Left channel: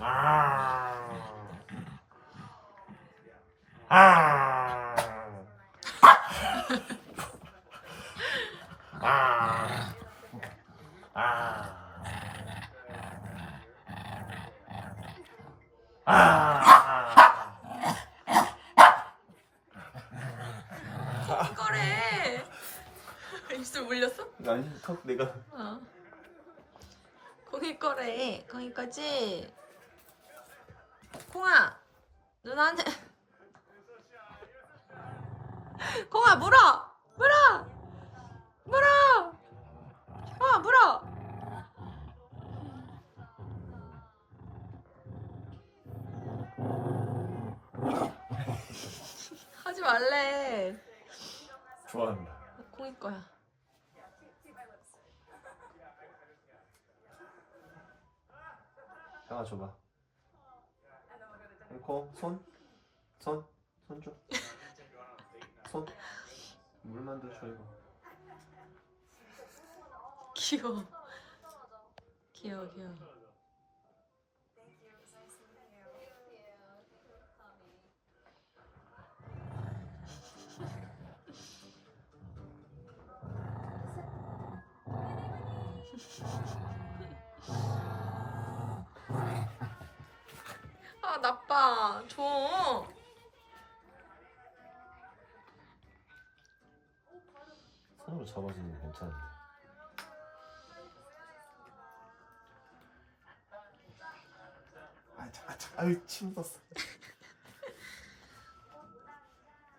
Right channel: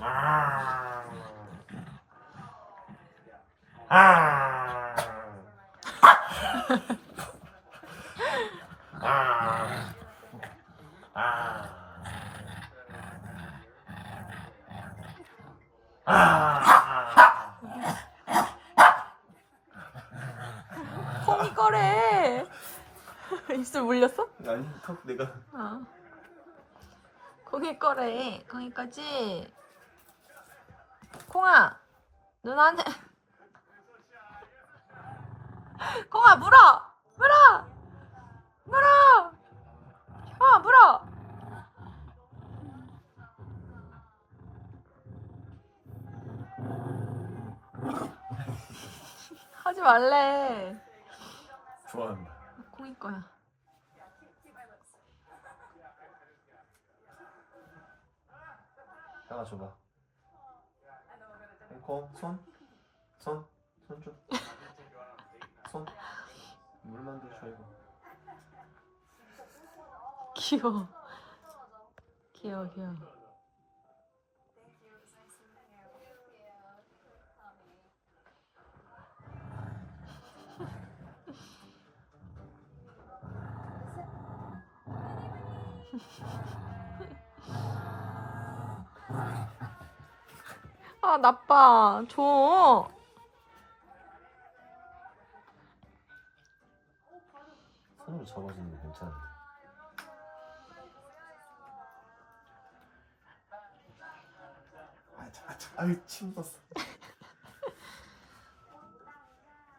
아. 아. 아. 아. 아. 거래. 입술 물렸어? 아니 턱 내가 어. 콩이 거래. 거지? 콩아, 누나는 콩아 물어, 물어, 물어. 어, 물어. 하지 말래. 좋아한다. 콩이 거야. 하나 줘봐. 코, 손, 손, 손 줘. 손. 물만 더 줘, 이거. 귀여워. 귀여워, 귀여워. 아, 나빠. 줘. 손으로 잡아주는 게 괜찮은데. 아, 자, 자, 아유, 침 묻었어.